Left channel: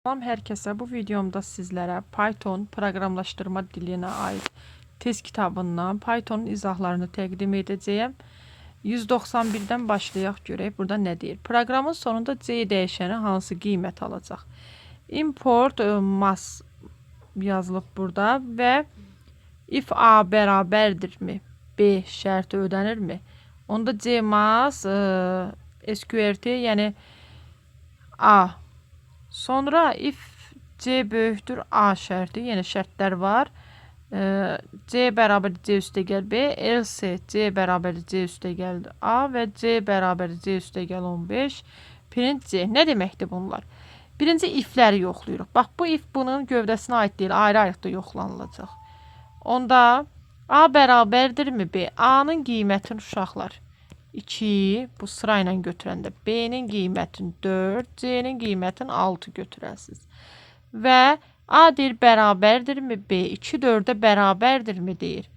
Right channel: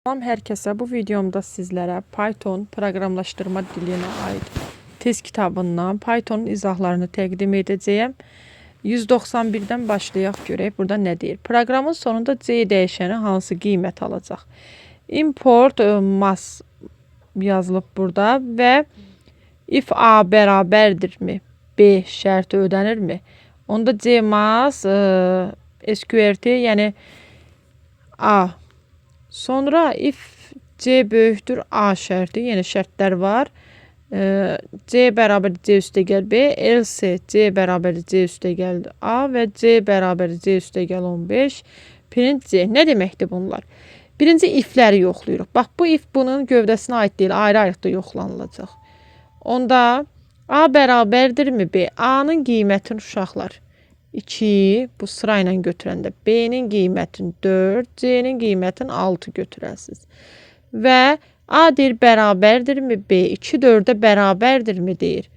Salam hər kəsə. Bu videomda sizlərə Python proqramlaşdırma dilinə aid test kitabından Pythonun izahlarını təqdim edəcəyəm. 191-dən başlayaq görək. Burada nə deyir? Proqramın sonunda C dəyişəni hansı qiymət alacaq? Import mass yazılıb burada və if A bərabərdirmi? B şərti ödənirmi? Onda C mass SQRT, yəni A. Sonra if C böyükdür A şərti, yəni şərtlər var. C bərabər C üstəgəl B, else C bərabər C üstəgəl A və C bərabər C üstəgəl 15. Print C. Nə deməkdir bunlar? Birinci ifləri yoxlayırıq. Bax, bu if bunun gövdəsinə aid deyil, ayrı-ayrı yoxlanılacaq. Onda A bərabərdirmi B? A-nın qiymətini uşaqlar 2, bu sırayla götürəndə B-nin qiymətini 4, C-nin qiymətini 6 götürəsiniz. Və A deyir bərabərdirmi B? 2 4-ə bərabərdirmi deyir.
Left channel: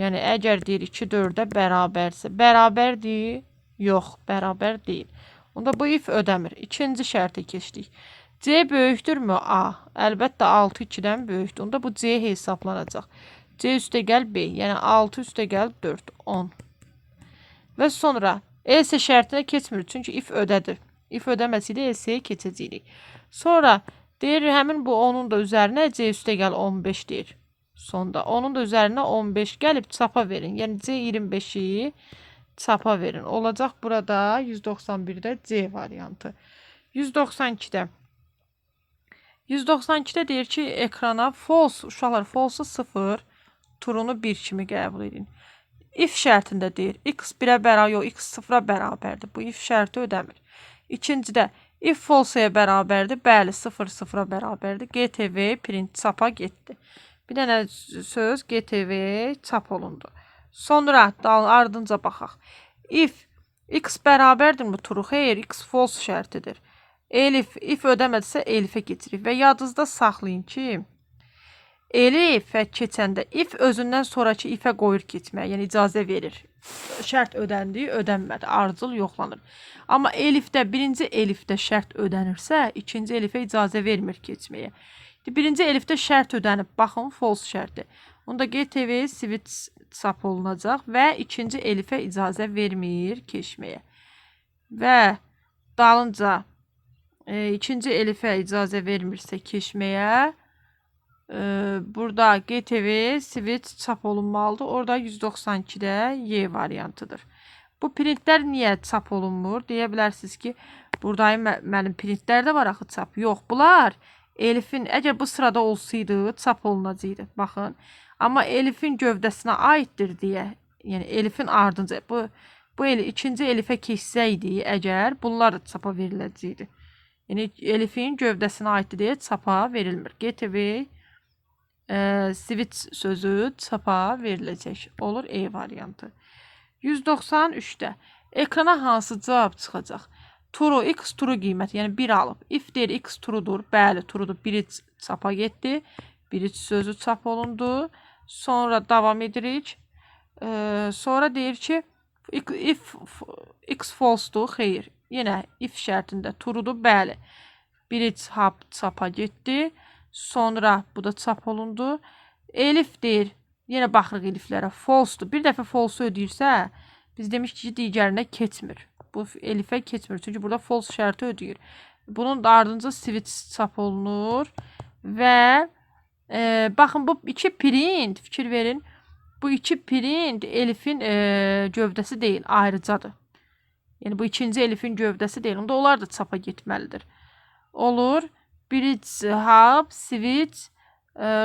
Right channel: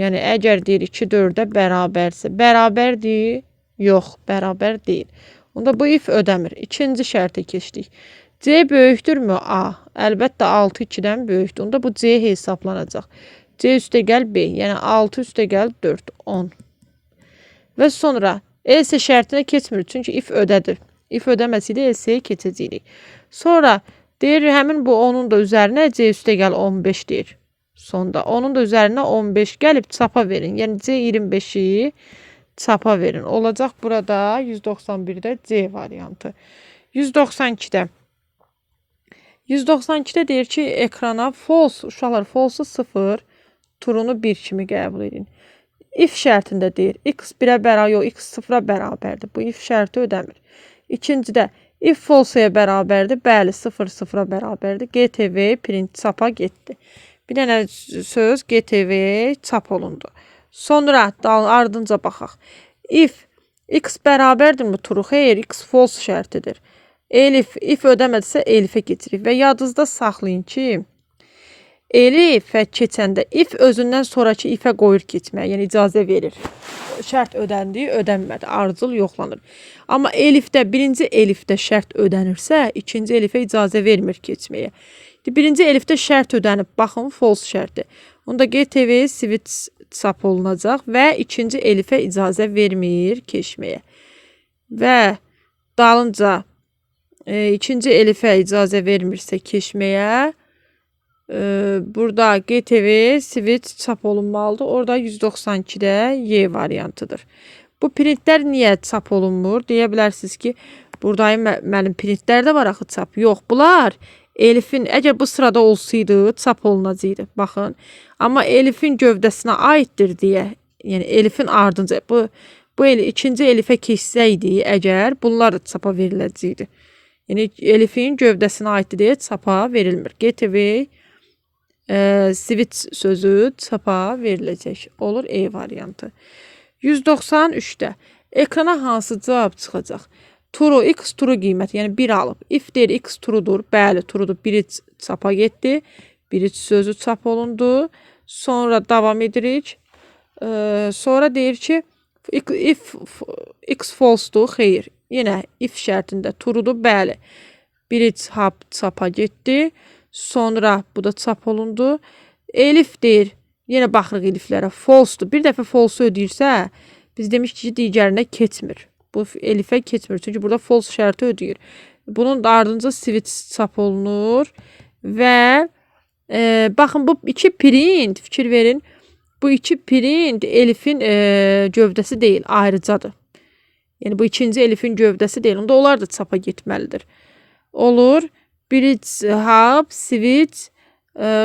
Yəni əgər deyir 2 4-ə bərabərsə, bərabərdir? Yox, bərabər deyil. Onda bu if ödəmir. İkinci şərtə keçdik. C böyükdürmü A? Əlbəttə 6 2-dən böyükdür. Onda bu C hesablanacaq. C üstəgəl B, yəni 6 üstəgəl 4, 10. Və sonra else şərtinə keçmir, çünki if ödədir. If ödəməsəydi elseyə keçəcəydik. Sonra deyir həmin bu 10-un da üzərinə C üstəgəl 15 deyir. Sonda onun da üzərinə 15 gəlib çapa verin. Yəni C 25-i çapa verin. Olacaq burada 191-də C variantı. 192-də. 192-də deyir ki, ekrana false, uşaqlar false 0, true'nu 1 kimi qəbul edin. If şərtində deyir, x 1-ə bərabər, yox, x 0-a bərabərdir. Bu if şərti ödəmir. İkincidə, if false-yə bərabərdir, bəli, 0 0-a bərabərdir. GTV print çapa getdi. Bir dənə söz GTV çap olundu. Sonra ardınca baxaq. If x bərabərdirmi true? Xeyr, x false şərtidir. Elif, if ödəmədirsə elifə keçirik və yadınızda saxlayın ki, elifə keçəndə if özündən sonraki ifə qoyur keçməyə, yəni icazə verir. Şərt ödəndi, ödənmədi, ardıcıl yoxlanır. Amma elifdə, birinci elifdə şərt ödənirsə, ikinci elifə icazə vermir keçməyə. Birinci elifdə şərt ödənib, baxın, false şərti. Onda GTV switch çap olunacaq və ikinci elifə icazə vermir keçməyə. Və dalınca ikinci elifə icazə vermirsə keçməyə, burada GTV switch çap olunmalıdır. Orada 192-də Y variantıdır. Bu printlər niyə çap olunmur? Deyə bilərsiniz ki, buradayım mənim printlər də var axı çap. Yox, bunlar elifin, əgər bu sırada olsaydı çap olunacaqdı. Baxın. Amma elifin gövdəsinə aiddir deyə, yəni elifin ardınca bu ikinci elifə keçsəydi, əgər bunlar da çapa veriləcəkdi. Yəni elifin gövdəsinə aiddir deyə çapa verilmir. GTV switch sözü çapa veriləcək. Olur E variantı. 193-də ekrana hansı cavab çıxacaq? True, x true qiyməti, yəni 1 alıb. If deyir x true'dur, bəli true'dur, 1-i çapa getdi. 1-i sözü çap olundu. Sonra davam edirik. Sonra deyir ki, if x false'dur, xeyr. Yenə if şərtində true'dur, bəli. 1-i çapa getdi. Sonra bu da çap olundu. Elif deyir, yenə baxırıq eliflərə, false'dur. Bir dəfə false ödəyirsə, biz demişik ki, digərinə keçmir. Bu elifə keçmir, çünki burada false şərti ödəyir. Bunun da ardınca switch çap olunur. Və baxın, bu iki print, fikir verin, bu iki print elifin gövdəsi deyil, ayrıcadır. Yəni bu ikinci elifin gövdəsi deyil, onda onlar da çapa getməlidir. Olur. Bridge, hub, switch,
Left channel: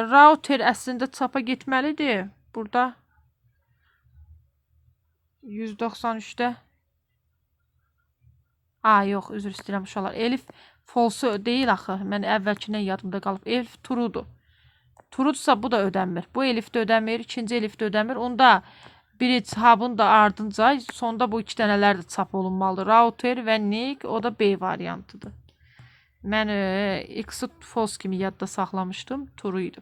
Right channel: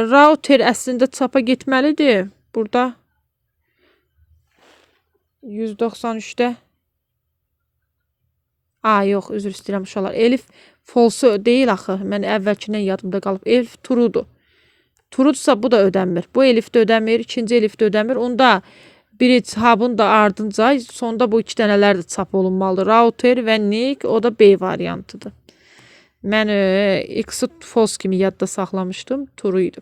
router əslində çapa getməlidir. Burada 193-də. Yox, üzr istəyirəm uşaqlar. Elif false deyil axı. Mən əvvəlkindən yadımda qalıb. Elif true'dur. True'dursa bu da ödənmir. Bu elif də ödəmir, ikinci elif də ödəmir. Onda bridge, hub'un da ardınca sonda bu iki dənələr də çap olunmalıdır. Router və nick, o da B variantıdır. Mən x-i false kimi yadda saxlamışdım. True idi.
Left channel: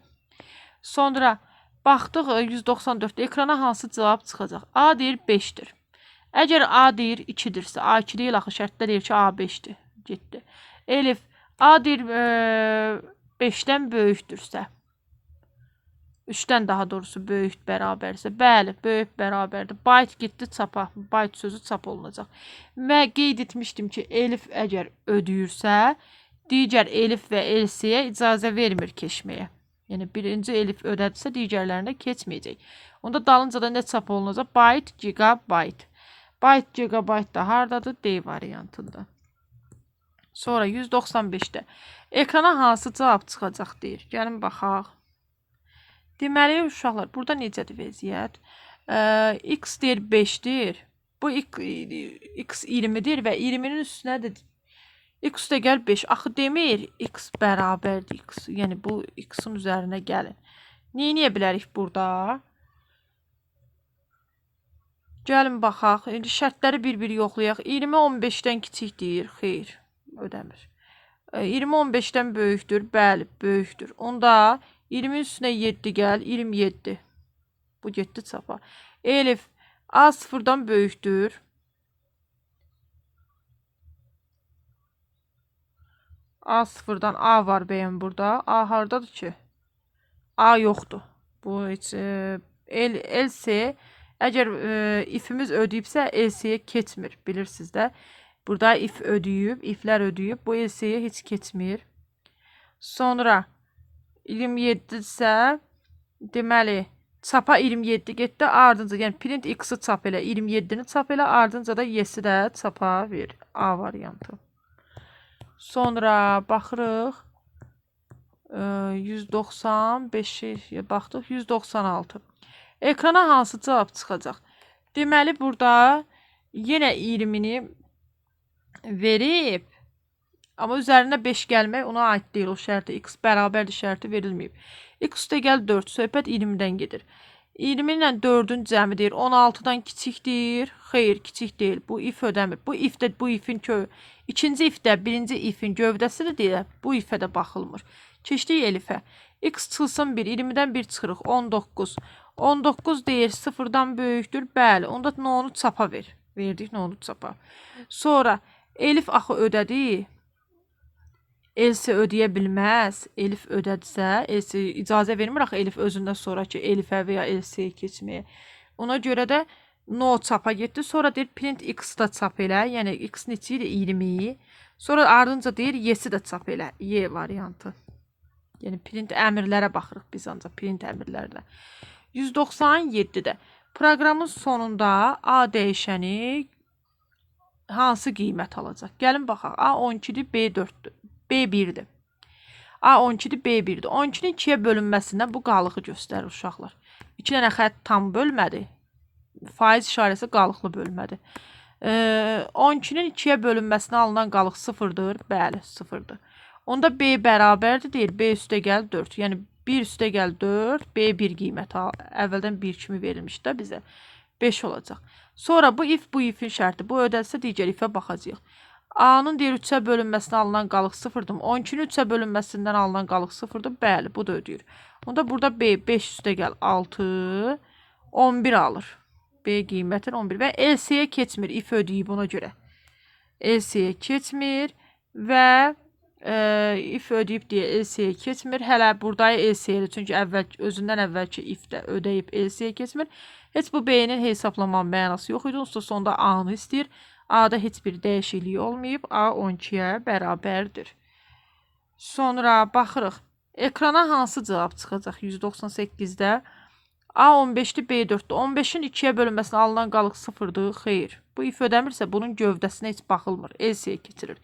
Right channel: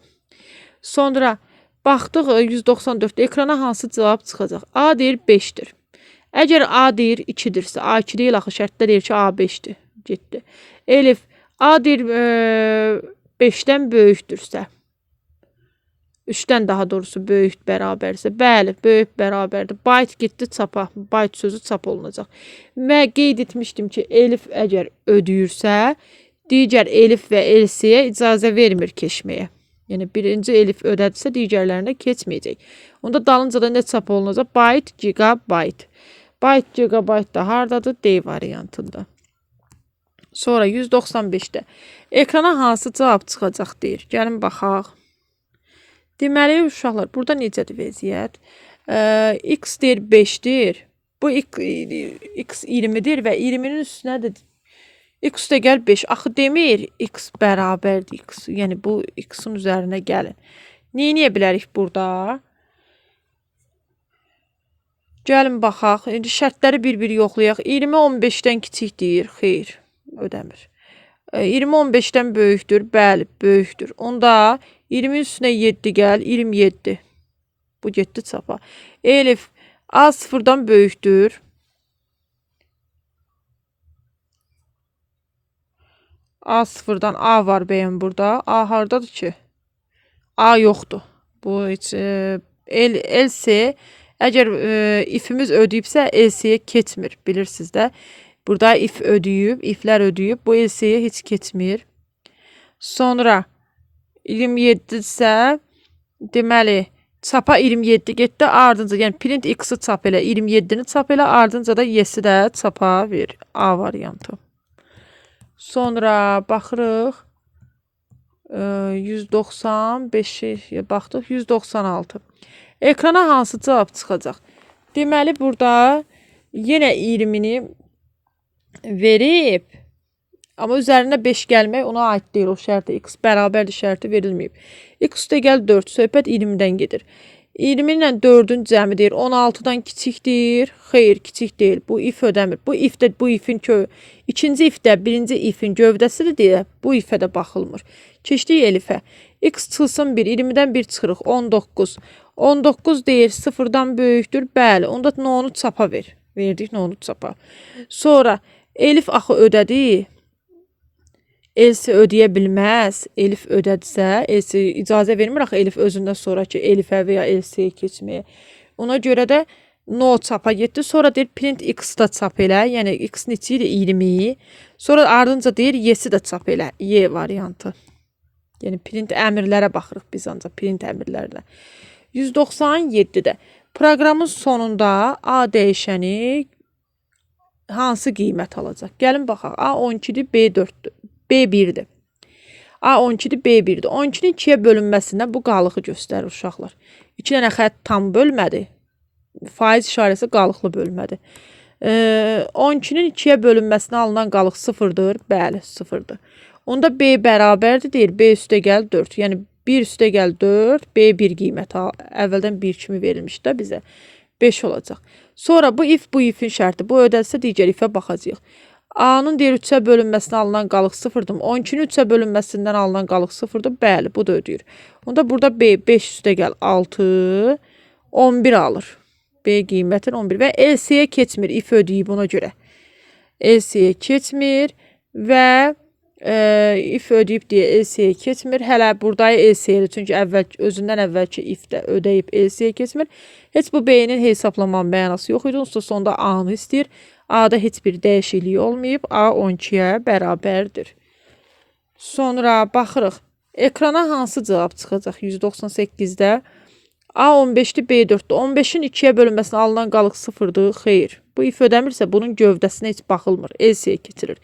Sonra baxdıq 194-də ekrana hansı cavab çıxacaq? A deyir 5-dir. Əgər A deyir 2-dirsə, A2 deyil axı, şərtdə deyir ki, A 5-dir. Getdi. Elif A deyir 5-dən böyükdürsə, 3-dən daha doğrusu böyük bərabərsə, bəli, böyük bərabərdir. Byte getdi çapa, byte sözü çap olunacaq. Və qeyd etmişdim ki, elif əgər ödəyirsə, digər elif və elsiyə icazə vermir keçməyə. Yəni birinci elif ödədirsə, digərlərinə keçməyəcək. Onda dalınca da nə çap olunacaq? Byte, gigabyte. Byte, gigabyte da hardadır? D variantında. Sonra 195-də ekrana hansı cavab çıxacaq deyir. Gəlin baxaq. Deməli, uşaqlar, burada necədir vəziyyət? X deyir 5-dir. Bu X 20-dir və 20-nin üstünədir. X də gəl 5. Axı demir X bərabərdir X. Yəni, bu X-in üzərinə gəlin. Neyniyə bilərik burada? Gəlin baxaq. İndi şərtləri bir-bir yoxlayaq. 20 15-dən kiçik deyir. Xeyr, ödəmir. 20 15-dən böyükdür. Bəli, böyükdür. Onda 20 üstünə 7 gəl. 27. Bu getdi çapa. Elif A 0-dan böyükdür. A 0-dan A var bəyəm burada. A hardadır ki? A yoxdur. Bu heç else əgər ifimiz ödəyibsə elseyə keçmir. Bilirsiniz də. Burada if ödəyib, iflər ödəyib. Bu elseyə heç keçmir. Sonra 27 isə deməli çapa 27 getdi. Ardınca yəni print x-i çap elə, 27-ni çap elə, ardınca da y-si də çapa ver. A variantı. Sonra baxırıq. 195-i baxdıq. 196. Ekrana hansı cavab çıxacaq? Deməli, burada yenə 20-ni verib. Amma üzərində 5 gəlmək ona aid deyil. O şərti x bərabərdir şərti verilməyib. X üstə gəl 4. Söhbət 20-dən gedir. 20 ilə 4-ün cəmi deyir. 16-dan kiçikdir. Xeyr, kiçik deyil. Bu if ödəmir. Bu if də bu ifin ikinci if də birinci ifin gövdəsidir deyə bu ifə də baxılmır. Keçdik elifə. X çıxılsın 1. 20-dən 1 çıxırıq. 19. 19 deyir 0-dan böyükdür. Bəli. Onda onu çapa ver. Verdik onu çapa. Sonra elif axı ödədi. Elsi ödəyə bilməz. Elif ödədirsə, elsi icazə vermir axı elif özündən sonraki elifə və ya elsiyə keçməyə. Ona görə də no çapa getdi. Sonra deyir print x da çap elə. Yəni x neçə idi? 20. Sonra ardınca deyir y-si də çap elə. Y variantı. Yəni print əmrlərə baxırıq biz ancaq print əmrlərinə. 197-də proqramın sonunda A dəyişəni hansı qiymət alacaq? Gəlin baxaq. A 12-dir, B 4-dür. B1-dir. A 12-dir, B1-dir. 12-nin 2-yə bölünməsindən bu qalığı göstərir uşaqlar. 2 dənə xətt tam bölmədi. Faiz işarəsi qalıqlı bölmədi. 12-nin 2-yə bölünməsinə alınan qalıq 0-dır. Bəli, 0-dır. Onda B bərabərdir deyir. B üstə gəl 4. Yəni 1 üstə gəl 4. B1 qiyməti əvvəldən 1 kimi verilmişdi də bizə. 5 olacaq. Sonra bu if bu ifin şərti. Bu ödəlsə digər ifə baxacağıq. A-nın deyir 3-ə bölünməsinə alınan qalıq 0-dır. 12-nin 3-ə bölünməsindən alınan qalıq 0-dır. Bəli, bu da ödəyir. Onda burada B 5 üstə gəl 6, 11 alır. B qiymətin 11 və LC-yə keçmir. If ödəyib ona görə. LC-yə keçmir və if ödəyib deyə LC-yə keçmir. Hələ burada LC-yə çünki özündən əvvəlki if də ödəyib LC-yə keçmir. Heç bu B-nin hesablamanın mənası yox idi. Onsuz sonda A-nı istəyir. A-da heç bir dəyişiklik olmayıb. A 12-yə bərabərdir. Sonra baxırıq. Ekrana hansı cavab çıxacaq 198-də? A 15-dir, B 4-dür. 15-in 2-yə bölünməsinə alınan qalıq 0-dır. Xeyr. Bu if ödəmirsə bunun gövdəsinə heç baxılmır. LC-yə keçirir.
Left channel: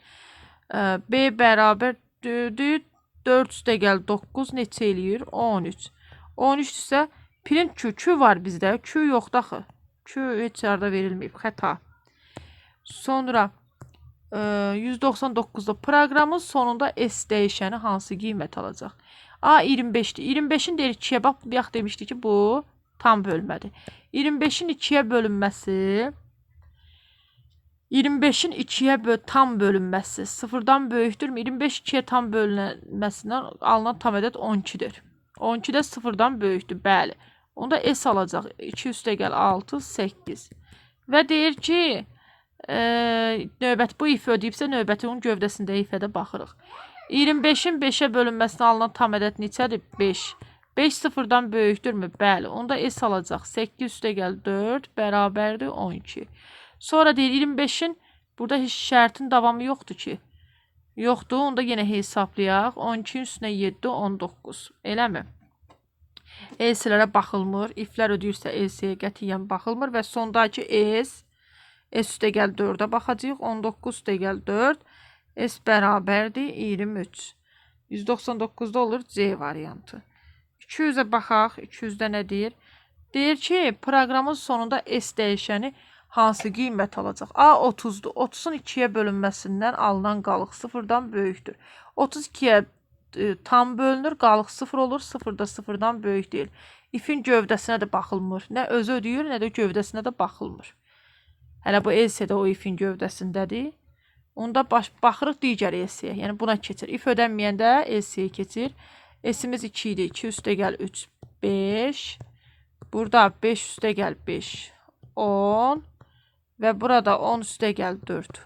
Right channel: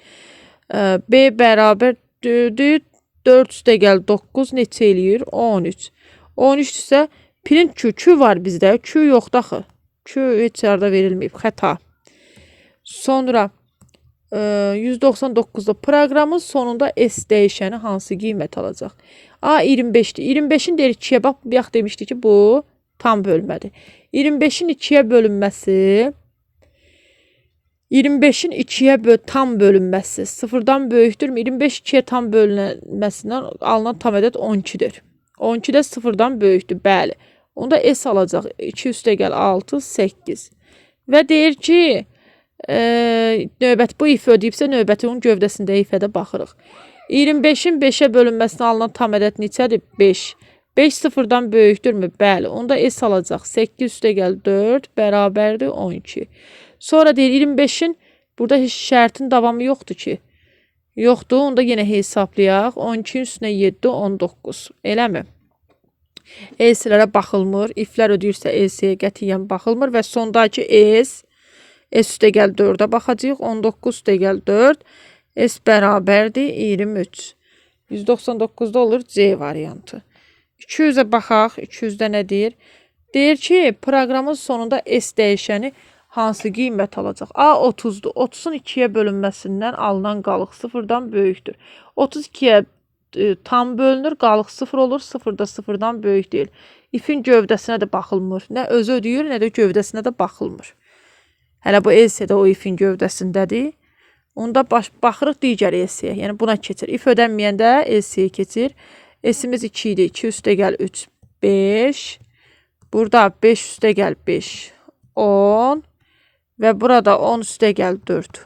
B bərabərdir. 4 üstə gəl 9 neçə eləyir? 13. 13 isə print Q var bizdə. Q yoxdur axı. Q heç yerdə verilməyib. Xəta. Sonra 199-da proqramın sonunda S dəyişəni hansı qiymət alacaq? A 25-dir. 25-in deyir 2-yə bax, bayaq demişdi ki, bu tam bölmədir. 25-in 2-yə bölünməsi 25-in 2-yə tam bölünməsi 0-dan böyükdürmü? 25 2-yə tam bölünməsindən alınan tam ədəd 12-dir. 12-də 0-dan böyükdür, bəli. Onda S alacaq. 2 üstə gəl 6, 8. Və deyir ki, növbət bu if ödəyibsə növbəti onun gövdəsində ifədə baxırıq. 25-in 5-ə bölünməsinə alınan tam ədəd neçədir? 5. 5 sıfırdan böyükdürmü? Bəli. Onda S alacaq. 8 üstə gəl 4 bərabərdir 12. Sonra deyir 25-in burada heç şərtin davamı yoxdur ki. Yoxdur. Onda yenə hesablayaq. 12-in üstünə 7 19. Eləmi? S-lərə baxılmır. İflər ödəyirsə S-yə qətiyyən baxılmır və sondakı S üstə gəl 4-ə baxacağıq. 19 üstə gəl 4. S bərabərdir 23. 199-da olur C variantı. 200-ə baxaq. 200-də nə deyir? Deyir ki, proqramın sonunda S dəyişəni hansı qiymət alacaq? A 30-dur. 30-un 2-yə bölünməsindən alınan qalıq 0-dan böyükdür. 32-yə tam bölünür, qalıq 0 olur. 0 da 0-dan böyük deyil. İfin gövdəsinə də baxılmır. Nə özü ödəyir, nə də gövdəsinə də baxılmır. Hələ bu S-də o ifin gövdəsindədir. Onda baxırıq digər S-yə. Yəni buna keçir. İf ödənməyəndə S-yə keçir. S-imiz 2 idi. 2 üstə gəl 3 5. Burada 5 üstə gəl 5 10. Və burada 10 üstə gəl 4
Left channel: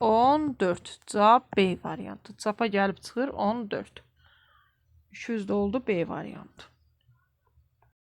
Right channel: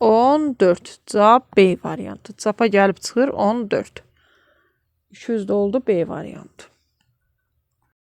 14. Cavab B variantı. Cavaba gəlib çıxır 14. 200 də oldu B variantı.